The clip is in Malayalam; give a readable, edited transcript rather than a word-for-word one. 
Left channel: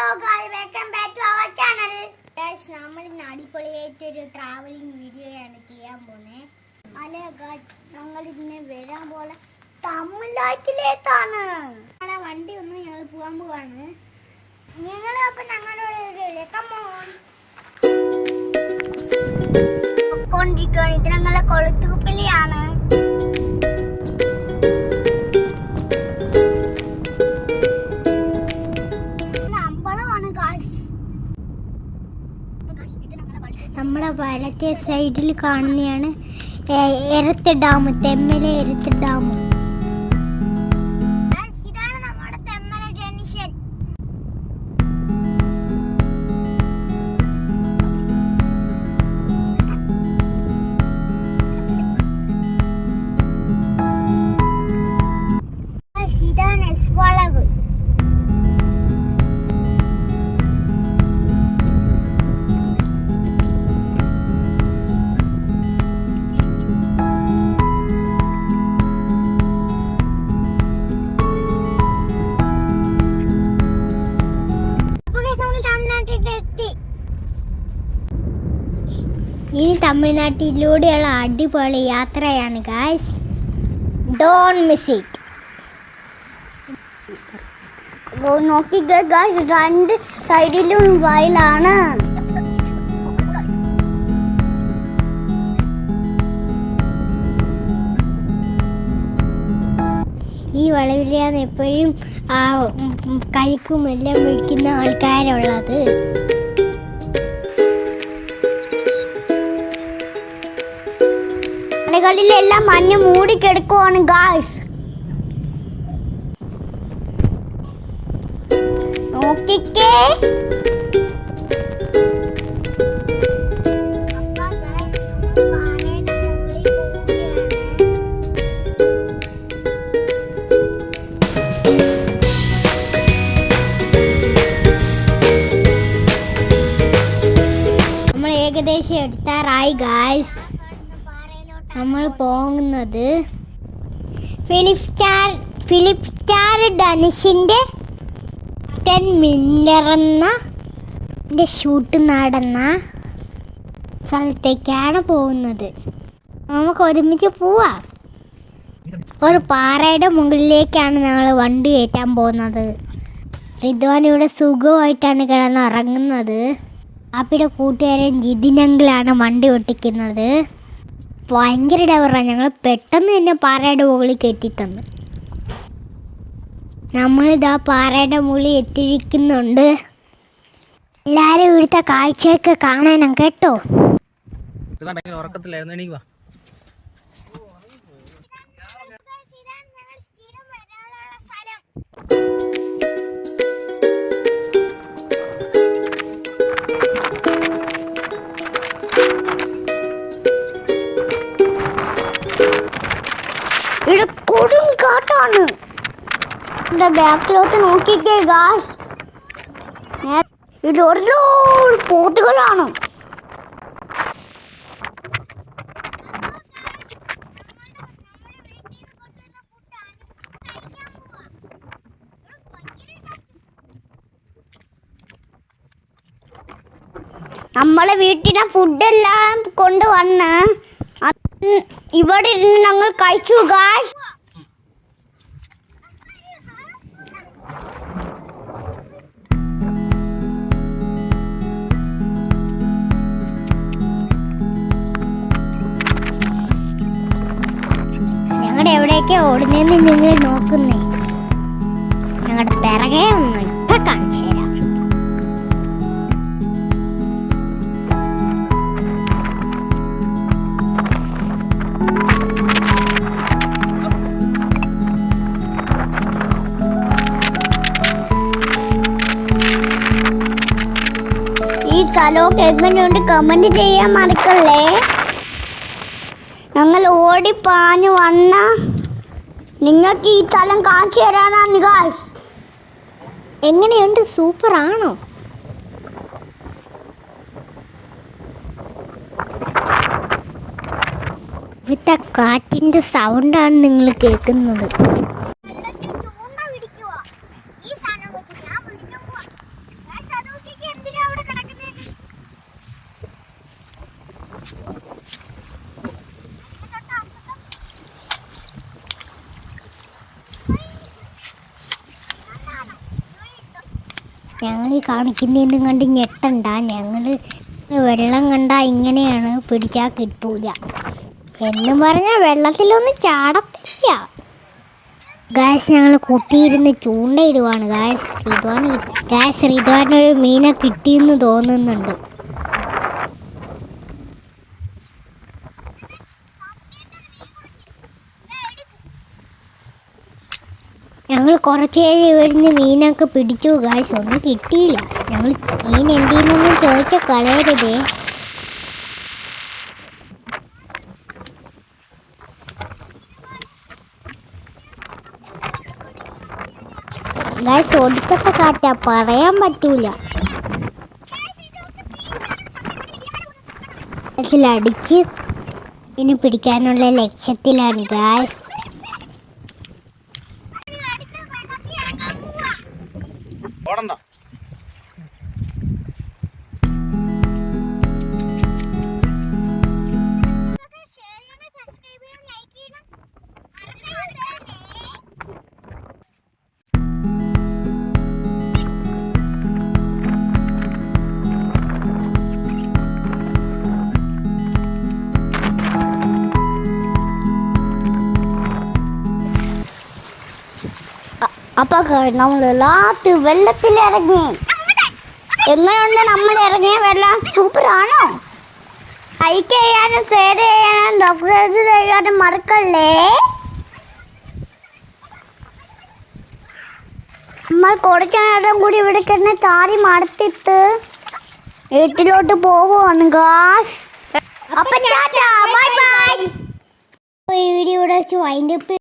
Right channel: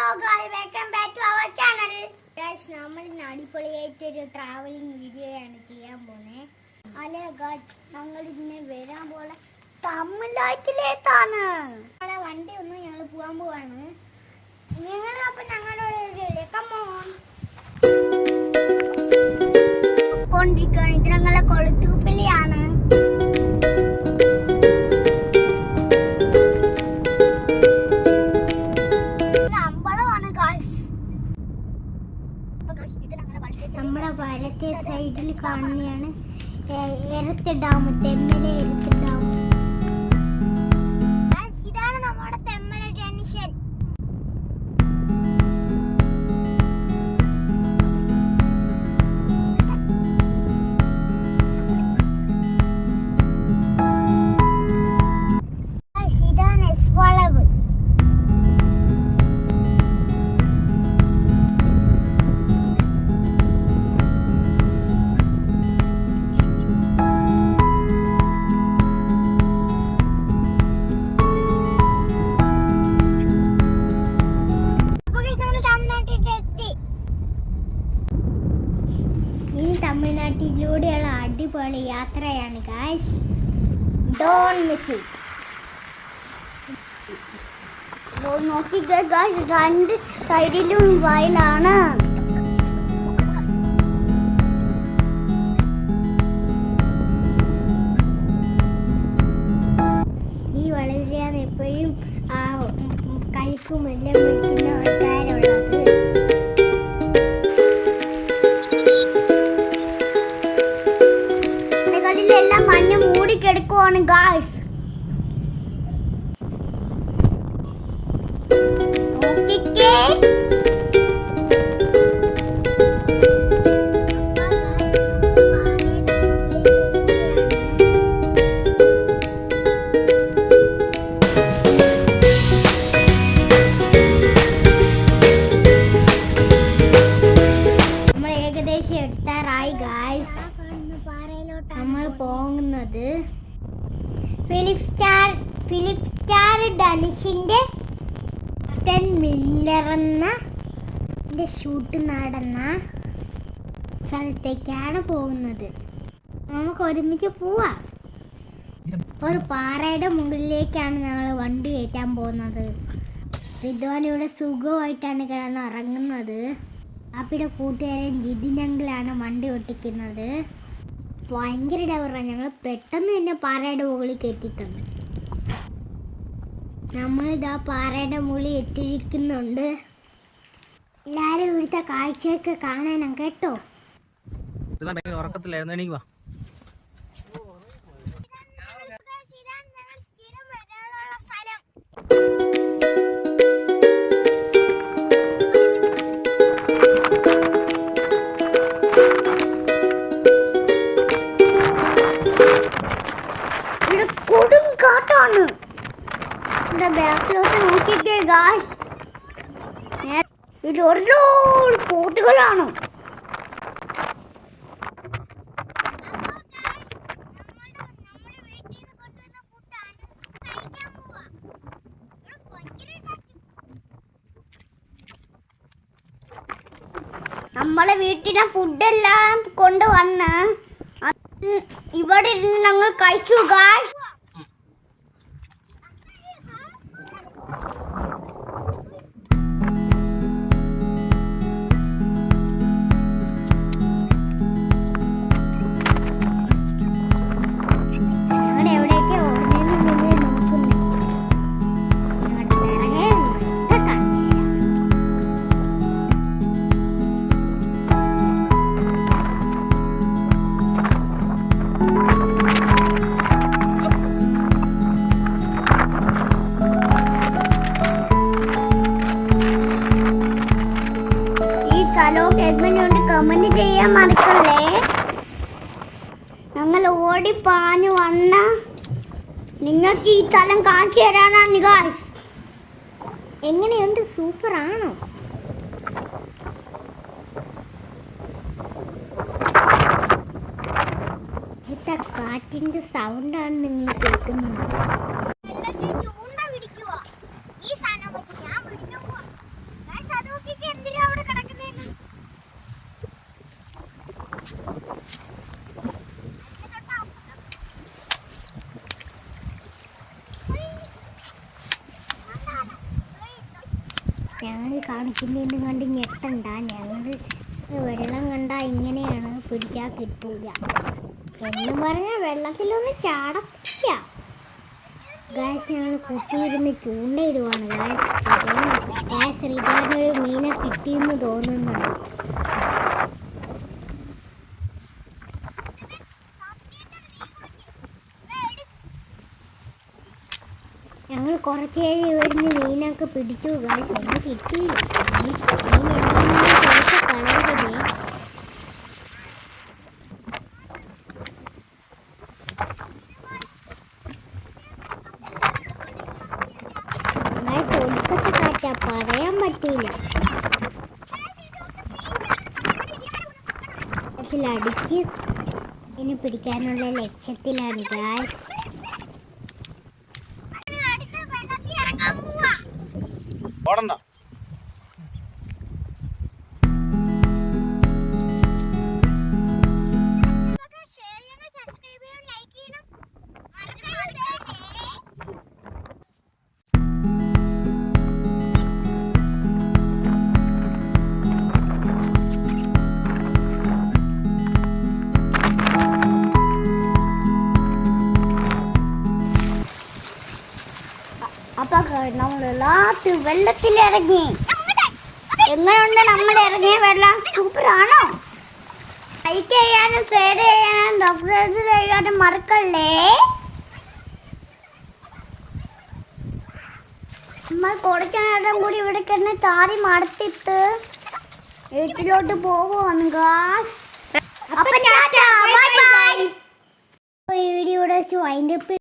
Hello guys, welcome back to our channel. Guys, നമ്മൾ അടിപൊളിയായിട്ട് ഒരു ട്രാവലിംഗ് വീഡിയോ ആണ് ചെയ്യാൻ പോകുന്നത്. അല്ലേ guys, ഞങ്ങൾ ഇന്ന് വരാൻ പോലെ തമിഴ്നാട്ടിലേക്കാണ്. നമ്മുടെ വണ്ടി ഒന്ന് ഞങ്ങൾ പോകാൻ പോവാണ്. നിങ്ങൾ അപ്പോൾ ഞങ്ങളോട് കൊണ്ടിരിക്കുകയാണ്. ഇത് ഞങ്ങളെ കൊളുത്തൂപ്പിലാണ്. നമ്മുടെ വലത്തെ സൈഡിൽ കാണുന്നതാണ് എരത്ത് ഡാം, തെമ്മല എരത്ത് ഡാം. ഇതാണ് നമ്മുടെ തെമ്മല ജംഗ്ഷൻ. ഇതാണ് എസ് വളവ്. ഇനി തമിഴ്നാട്ടിലൂടെയുള്ള അടിപൊളി യാത്രയാണ് ഗായ്സ്. Don't miss it. നോക്കിക്കേ ഗായ്സ്, രണ്ട് സൈഡിലും വയലാണ്. ഈ വളവിലാണ് എപ്പോഴും കഴിക്കും എല്ലാം വിളിക്കുന്ന ആൾക്കാരുള്ളത്. എല്ലാം മഞ്ഞ് മൂടിക്കെടുക്കുവാണ് ഗായ്സ്. നോക്കിക്കേ, നമ്മൾ ഏകദേശം എടുത്താറായി ഗായ്സ്. നമ്മൾ പോകുന്നത് ഫിലിപ്പ് സ്റ്റാർ ഡാനിഷിൻ്റെ 10 മില്ലർ എന്ന ഷൂട്ട് നടന്ന സ്ഥലത്തേക്കാണ് പോകുന്നത്. നമുക്ക് ഒരുമിച്ച് പോവാം. ഒരു പാറയുടെ മുകളിലേക്കാണ് ഞങ്ങൾ വണ്ടി കയറ്റാൻ പോകുന്നത്. റിദ്വാൻ ഇവിടെ സുഖമായിട്ടാണ് കിടന്നുറങ്ങുന്നത്. ആപ്പിയുടെ കൂട്ടുകാരൻ ജിതിനങ്കിലാണ് വണ്ടി ഓട്ടിക്കുന്നത്. ഭയങ്കര ഡവറാണ്. ഞങ്ങൾ പെട്ടെന്ന് തന്നെ പാറയുടെ മുകളിൽ കയറ്റി തന്നു. നമ്മളിതാ പാറയുടെ മുകളിൽ എത്തിയിരിക്കുന്നുണ്ട്. എല്ലാവരും ഇവിടുത്തെ കാഴ്ചയൊക്കെ കാണാനും കേട്ടോ. ഇവിടെ കൊടും കാട്ടാണ്. എൻ്റെ ബാക്കിലോട്ട് നോക്കിക്കേ ഗായ്സ്, ഇത് ഒരുപാട് പോത്തുകളാണ്. നമ്മളെ വീട്ടിലെ ഫുഡെല്ലാം കൊണ്ടുവന്ന് ഇവിടെ ഇരുന്ന് ഞങ്ങൾ കഴിച്ചു ഗായ്സ്. ഞങ്ങളുടെ എവിടേക്കാ ഓടുന്നതെന്ന് നിങ്ങൾ നോക്കുന്നേ. ഞങ്ങളുടെ പിറകെ ഒന്ന് ഇപ്പം കാണിച്ചു തരാം. സ്ഥലമൊക്കെ എങ്ങനെയുണ്ട് കമന്റ് ചെയ്യാൻ മറക്കല്ലേ. ഞങ്ങൾ ഓടിപ്പാഞ്ഞു വന്ന നിങ്ങൾക്ക് ഈ സ്ഥലം കാണിച്ചു തരാനാണ് ഗായ്സ്. എങ്ങനെയുണ്ട്, സൂപ്പറാണോ? ഇവിടുത്തെ കാറ്റിൻ്റെ സൗണ്ടാണ് നിങ്ങൾ കേൾക്കുന്നത്. ഈ സാധനം വെച്ചിട്ട് ഞങ്ങൾ ഈ കാണിക്കുന്നതിനും കണ്ട് ഞെട്ടണ്ട. ഞങ്ങൾ വെള്ളം കണ്ട ഇങ്ങനെയാണ്, പിടിച്ചാൽ കിട്ടൂല എന്ന് പറഞ്ഞാൽ വെള്ളത്തിലൊന്നും ചാടത്തില്ല. ഗായ്സ് ഞങ്ങൾ കുത്തിയിരുന്ന് ചൂണ്ടയിടുവാണ്. ശ്രീധുവാനൊരു മീനെ കിട്ടിയെന്ന് തോന്നുന്നുണ്ട്. ഞങ്ങൾ കുറച്ച് ഇവിടുന്ന് മീനൊക്കെ പിടിച്ചു ഗായ്സ്. ഒന്നും കിട്ടിയില്ല. ഞങ്ങൾ മീൻ എന്തിനൊന്നും ചോദിച്ച കളയരുതേ. ഗായ്സ് ഒടുക്കത്തെ കാറ്റാ, പറയാൻ പറ്റൂല. അതിലടിച്ച് ഇതിന് പിടിക്കാനുള്ള ലക്ഷ്യത്തിലാണ് ഗായ്സ്. ഓടണ്ട. അപ്പൊ നമ്മൾ ലാസ്റ്റ് വെള്ളത്തിലിറങ്ങി. എങ്ങനെയുണ്ട് നമ്മൾ ഇറങ്ങിയ വെള്ളം? സൂപ്പറാണോ? ലൈക്ക് ചെയ്യാനും ഷെയർ ചെയ്യാനും സബ്സ്ക്രൈബ് ചെയ്യാനും മറക്കല്ലേ. നമ്മൾ കുറച്ചു നേരം കൂടി ഇവിടെ കിടന്ന് ചാടി മടുത്തിട്ട് വീട്ടിലോട്ട് പോവുകയാണ് ഗായ്സ്. അപ്പൊ വീഡിയോ ഇവിടെ വെച്ച് വൈൻഡപ്പ്